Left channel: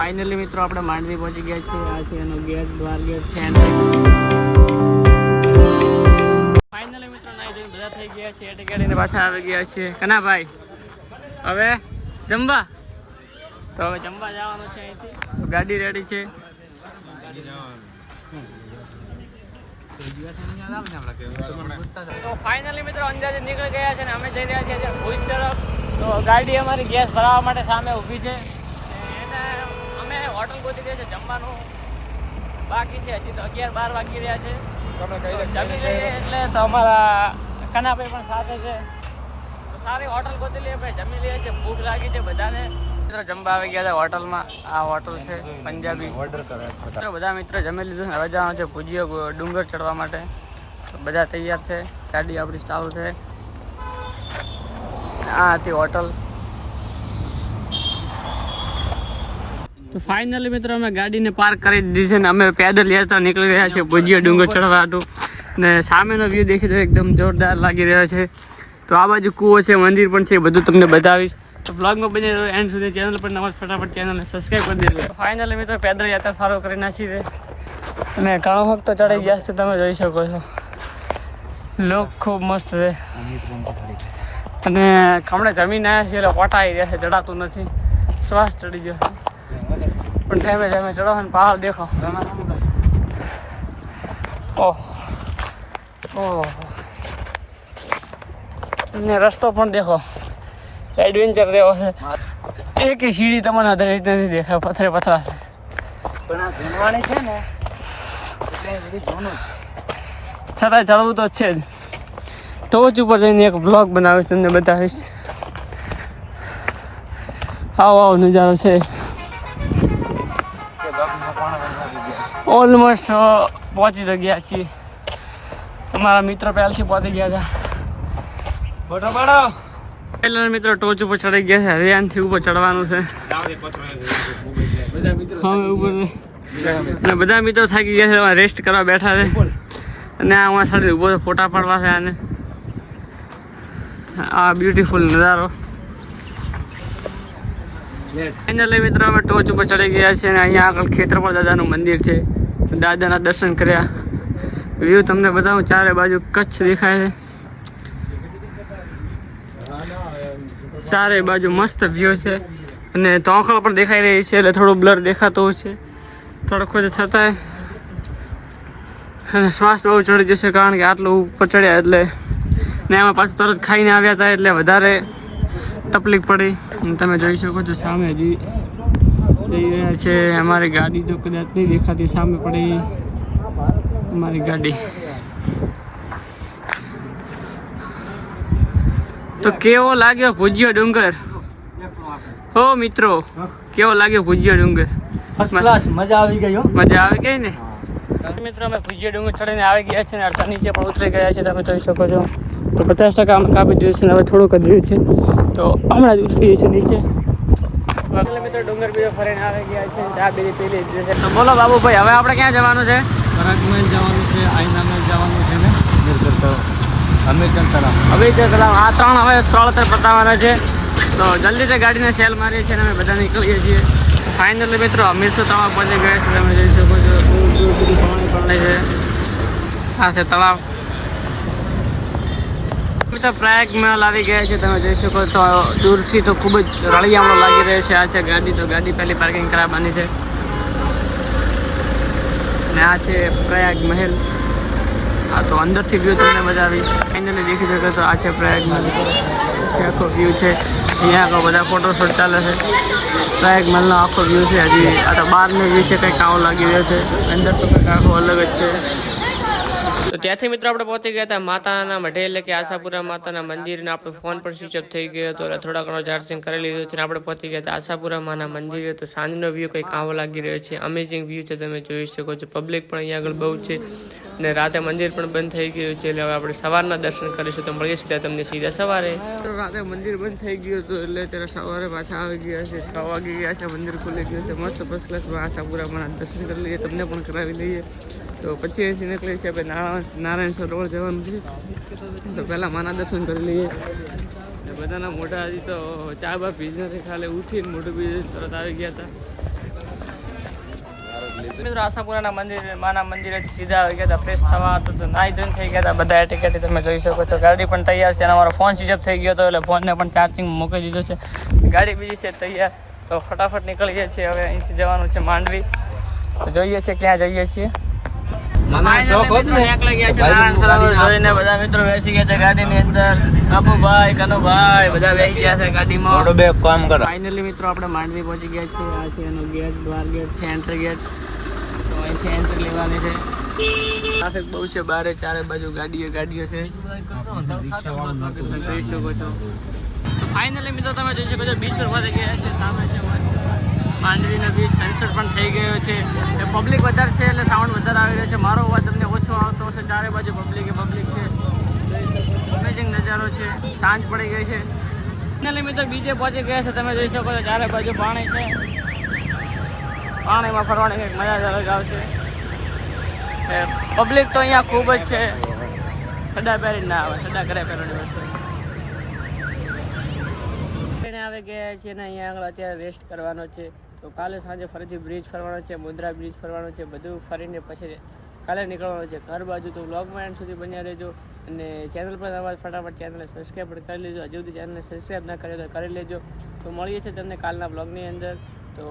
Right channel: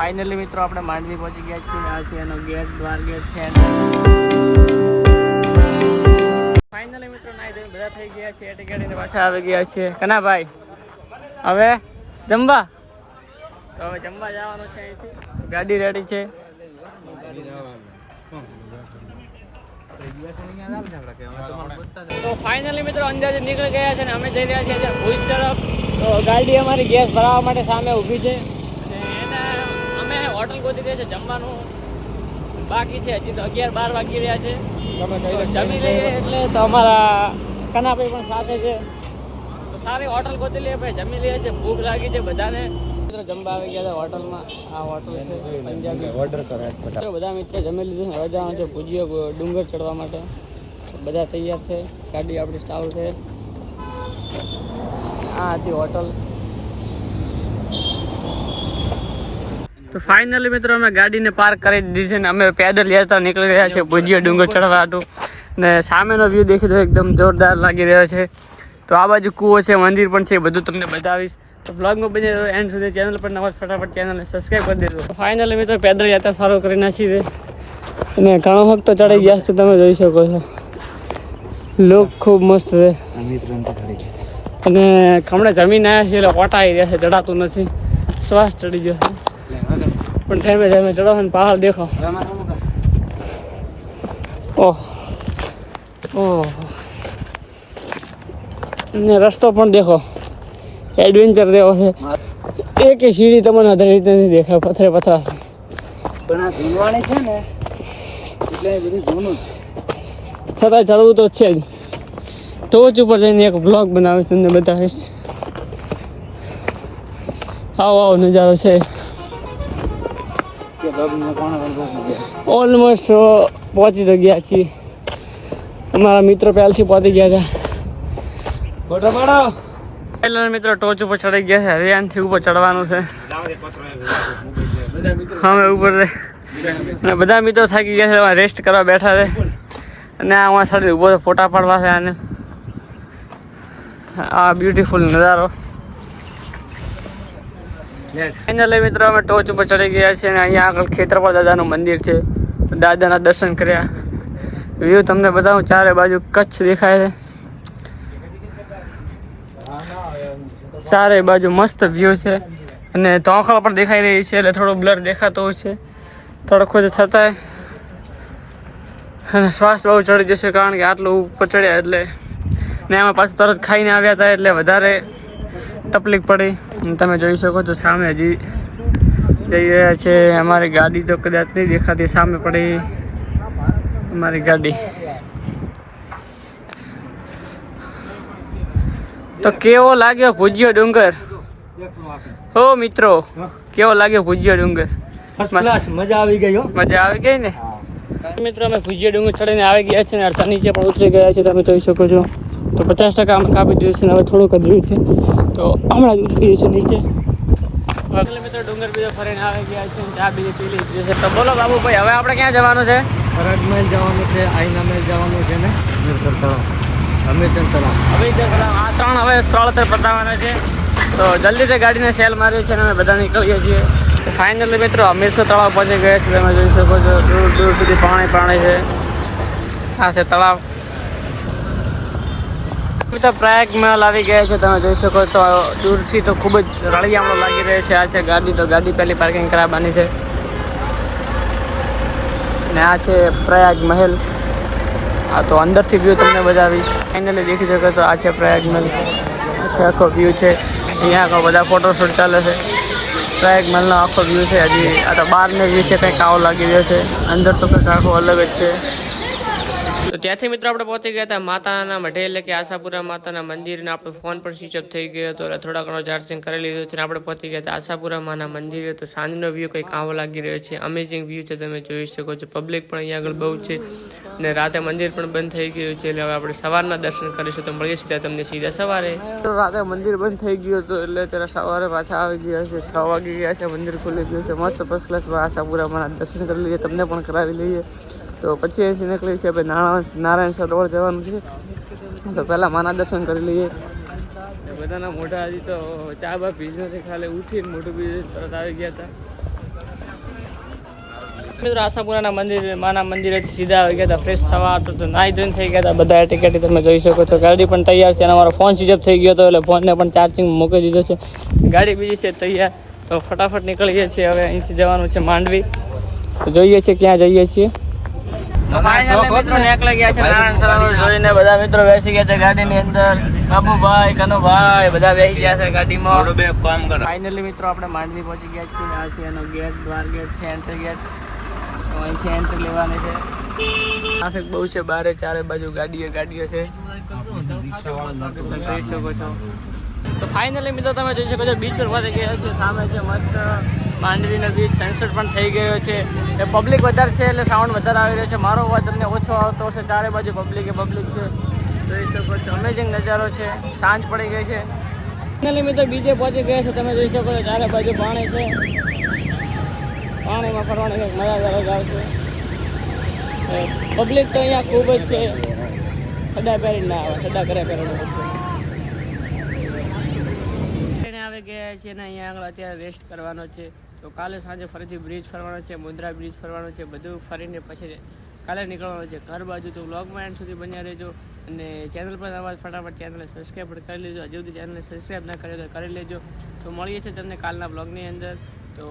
Finally મિત્રો આપણે માંડવી પહોંચી ગયા છીએ. આ છે એનો ગેટ, દ્વાર ગેટ છે ફાઇનલી મિત્રો નાઈ ધોઈને બધા થઈ ગયા છે. એટ કેડીને પાછા આવી ગયા છે. કના ભાઈ હવે જમવા? તો હવે જમવા જવાનું છે અહીંથી. ગાડી રેડી છે. તો ફાઇનલી મિત્રો અંદાજે નીકળી ગયા છે ને અમે જઈ રહ્યા છીએ ભુજ તરફ. તો ગાડી અમારી ગેસ ભરાવવા માટે સામે ઊભી છે. હોટલ ગોતી રહ્યા છે જમવાનું. બાકી છે હજી તો અગિયાર બાર વાગી રહ્યા છે. જમી લઈએ એટલે તો અમારા કનાભાઈ પણ સાથે છે. તો સારી હોટલ ગોતી લઈએ આપણે જમી લઈએ છીએ. ભૂખ લાગી છે બધાને. મિત્રો જમવા આવી ગયા છે હોટલમાં. આ હોટલ છે પંજાબી. મિત્રો બધા મિત્રો જમી લીધું હવે જવાનું છે ભુજીયો ડુંગર ચડવા માટે. બધા તૈયાર છે. ગાડી આપણી ચાલુ છે. આ હતી હોટલ. તો ફાઇનલી મિત્રો અમે ગાડીને પાર્ક કરી દીધી છે ને અમે પેદલ યાત્રા નીકળી રહ્યા છે ભુજિયા ડુંગર ચડવા હતું. ને સામેનો વ્યૂ દેખી તો એકદમ જોરદાર લાગી રહ્યો છે. તો આ બાજુ કૂવો છે, મંદિર પણ છે બધું તમને બતાવીશ. તો બ્લોગમાં બની રહ્યો એન્ડ સુધી ચેનલ પર નવા ફટાફટ ચેનલને સબસ્ક્રાઈબ કરી દેજો. ફાઇનલી મિત્રો પેદલ યાત્રા સારું કરી નાખી અને ઘણો વખત તો ચડી ગયા છે, તમે જોઈ શકો છો. લોક ખૂબ મસ્ત છે. અને હમણાં જમીન આવ્યા છે, એટલે ઓટા આવી રહ્યા છે ચડાતું નથી. શ્વાસ ચડી ગયો છે. પણ ધીમે ધીમે ચડો ને પહાડ દેખો. ઓહ. ઓહ. ને રસ્તો પણ દેખો. એડવેન્ચર દેવો છે. એક સીડી તમને અધર રીતે નથી દેખાય પથરે પથરા છે. છતાંય ચડવું તો છે જ. ટોચ ઉપર જઈને એક બ્લોગ બનાવીશ તમને બતાવીશ. આવો આવો નજારો છે. ઓલમોસ્ટ પહોંચી તો ગયા છીએ. અમારા મિત્રો પહેલથી પહોંચી ગયા હતા. પહેલા મિત્રો ટોચ ઉપર ચડી ગયા છે. હરિયાણથી ઉપર ચડવાનું છે. અમે ઉપર અને બધા મિત્રો થાકી ગયા છે. રેસ્ટ કરવા બેઠા છે. અને આ અમારા સાથે ઊભો ફોટા પાડવા છે આને. આ બ્યુટીફુલ નજારો. ફાઇનલી મિત્રો, અમે ટોચ ઉપર ચડી ગયા છીએ અને અહીંયા આગળ ખેતરપાળ દાદાનું મંદિર છે. દાદાના દર્શન કર્યા. વ્યૂ તમને બતાવું, ચારે બાજુ કચ્છ દેખાય છે. ચારે બાજુ મસ્ત વ્યૂ છે. અને તોખળ પણ દેખાઈ રહી છે, એટલે થોડું બ્લર દેખાતો છે. થોડોક જ છતાંય. અને શ્વાસ બહુ ચડી જશે, કારણ કે આટલું ઉપર ચડ્યા એટલે. ને આમાં પાછું તરત ખાઈને આવ્યા હતા, એટલે વધારે તકલીફ પડી. તમે જોઈ શકો છો સામે હજી જઈ રહ્યા છે. અમારી ગાડી તો કદાચ નહીં દેખાતી સામે પડી અમારી ગાડી. તો કેવો લાગ્યો ભુજિયો ડુંગર? હો મિત્રો કેવો લાગ્યો ભૂજ્યો ડુંગર? મજા આવી ગઈ હો. મજા આવી ગઈ ને? મિત્રો અમે ભુજિયા ડુંગર ચડીને આવી ગયા છે ને અડધા નીચે પણ ઉતરી ગયા છે તમે જોઈ શકો છો. તો પચાસ ટકા અમે કાપી દીધું છે હવે થોડુંક જ રહ્યું છે. તો હમણાં જ ઉતરીએ છીએ નીચે. મિત્રો ડુંગર બીજો ફરીને આવી ગયા છે ચા બીજી પી લીધી છે. તો બોલો બાબુભાઈ હવે આપણે ક્યાં જવાનું છે? પરાગમહેલ જવાનું છે આઈના મહેલ જવાનું છે ને? હમીરચંદ તલાવ હમીરચંદ તલાવ આ ત્રણ હવે સ્થળ અત્યારે બતાવવાના છે. તો જલ્દીથી ગાડીને સેલ મારીએ છીએ અને અમે બધા નીકળીએ છીએ. તો ફાઇનલી મિત્રો હમીરસર તળાવ પહોંચી ગયા છે. તમે જોઈ શકો છો દૂર દૂર સુધી પાણી પાણી છે. આ છે તળાવ. મિત્રો પ્રયાગ મહેલ આવી ગયા છે, તમે જોઈ શકો તો દૂરથી તો ખૂબ જ રળિયામણો લાગી રહ્યો છે. આ છે ગાડી, તો ગાડી પહેલી પાર્કિંગ કરાવવાની છે. ને આ છે પ્રયાગ મહેલ. આ તો અંદરથી વ્યૂ તમને બતાવીશ. ફાઇનલી દેખી શકો તો આ છે પ્રયાગ મહેલ. આખો વ્યૂ છે. અહીંયા આખો બધા ફોટોશૂટ ચાલે છે. પ્રયાગ મહેલનો આખો વ્યૂ છે. હજી આ તો બહારનો વ્યૂ છે, કંઈક આવો લાગી રહ્યો છે. અંદર તો કંઈક આખો અલગ જ છે. તો ત્યાંથી મિત્રો આપણે પહોંચી ગયા હતા માતાના મઢે, એટલે કે આશાપુરા માતાના મંદિરને આપણો ફોન પણ સ્વિચ અપ થઈ ગયો હતો થોડા ઘણો ચાર્જિંગ કરી લીધું છે આપણે પહોંચી ગયા હતા આશાપુરા માના મંદિરે. તો સાંજનો વ્યૂ કંઈક આવો લાગી રહ્યો છે અમેઝિંગ વ્યૂ છે, તમે જોઈ શકો છો. પબ્લિક પણ અહીંયા આગળ બહુ છે અને રાતે મંદિર પણ બંધ થઈ ગયું છે, એટલે હવે આપણે સવારના દર્શન કરીશું તો મળીએ સીધા તમને સીધા સવારે. રાતે મંદિર બંધ થઈ ગયું હતું, એટલે અત્યારે સવારે પાછા આવી ગયા છે, છ વાગી ગયા છે, મંદિર ખુલી ગયું છે, મસ્ત ફર્સ્ટ ક્લાસ આશાપુરામાં દર્શન કરી લઈએ, તમને પણ કરાવી લઈએ. તો પછી અહીંથી નીકળી છે નારાયણ નારાયણ સરોવર જવાનું છે. તો પહેલાં માના દર્શન કરી લઈએ. ને બધાના મોઢા હજી તો ચા બા પીજ ખાલી ઉઠીને મોઢું બિઝનેસ તરત આવી ગયા હતા. મિત્રો, આશાપુરાના મંદિર, માના મંદિરે સીધા આવી ગયા હતા ફ્રેશ થવા તો તો નાહી ધોઈને થઈ ગયા હતા. બધા ટિકિટ તમે જોઈ શકો છો. ગાડી પણ તૈયાર છે અને અમારો ફોન સ્વિચ થઈ ગયો હતો, એટલે ફોનને પણ ચાર્જિંગ મૂકી દીધો છે. ગાડી બીજી છે તૈયાર. તો ફટાફટ નીકળીએ છીએ હવે અહીંથી જવાનું છે માંડવી. તો જોઈએ છીએ ક્યાં જઈએ છીએ. તો ફાઇનલી મિત્રો નીકળી ગયા છે નારાયણ સરોવર જોઈને બધા મિત્રો બેસી ગયા છે ગાડીની અંદર. બાબુભાઈ કનુભાઈ બધા બેસી ગયા છે ગાડીમાં. બે કામ કરો. ફાઇનલી મિત્રો આપણે માંડવી પહોંચી ગયા છીએ. આ છે એનો ગેટ દ્વાર ગેટ છે એન્ટ્રી ગેટ તો અહીંથી એન્ટ્રી લેવાની છે. ટ્રાફિક બહુ છે બારે ચારે બાજુ ગાડીઓ ગાડીઓ છે. જોઈ શકો છો. તો ફાઇનલી મિત્રો તમે જોઈ શકો છો બીચ પર પહોંચી ગયા છે. સામે છે મસ્ત માંડવીનો બીચ સનસેટ પણ થઈ ગયો છે. એટલે પબ્લિક વધારે છે એટલે સાઉન્ડ વધારે આવી રહ્યો છે. મારો અવાજ તમને ઓછો આવતો હશે. ચારે બાજુ પબ્લિક એ પબ્લિક છે. જોઈ શકો છો અમેઝિંગ નજારો છે. સાંજ પડી ગઈ છે. ફાઇનલી મિત્રો બીજે પહોંચી ગયા છે. તમે જોઈ શકો છો ચારે બાજુ પાણી છે. પાણીમાં ફરવાની કંઈક મજા જ અલગ આવશે. પબ્લિક તો અહીંયા ખૂબ જ છે. સડા પહેરી ના આવે. સડા કરે પહેરવાની વસ્તુ. આવી ગયા છે ને અહીંયા આગળ અત્યારે રેસ્ટ કરવાનો છે. તો કાલે સાંજે ફરીથી બ્રિજ ફરવાનો છે મુદ્રા બ્રિજ ફરવાનો છે, બધું ફરીને પછી કાલે નીકળવાનું છે. ઘર બાજુ તો વ્લોગમાં એન્ડ સુધી બન્યા રહેજો અને ચેનલ પર અવાજ ફટાફટ ચેનલને સબસ્ક્રાઈબ પણ કરી લેજો. હજુ સુધી ચેનલને સબસ્ક્રાઈબ ના કરે તો કરી લેજો. તો મળીએ છીએ તમને કાલના બ્લોગની અંદર. તો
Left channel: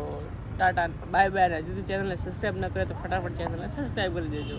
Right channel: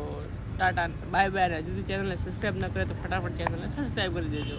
ટાટા બાય બાય અને હજુ સુધી ચેનલને સબસ્ક્રાઈબ ના કરે તો ફટાફટ ચેનલને સબસ્ક્રાઈબ કરી દેજો.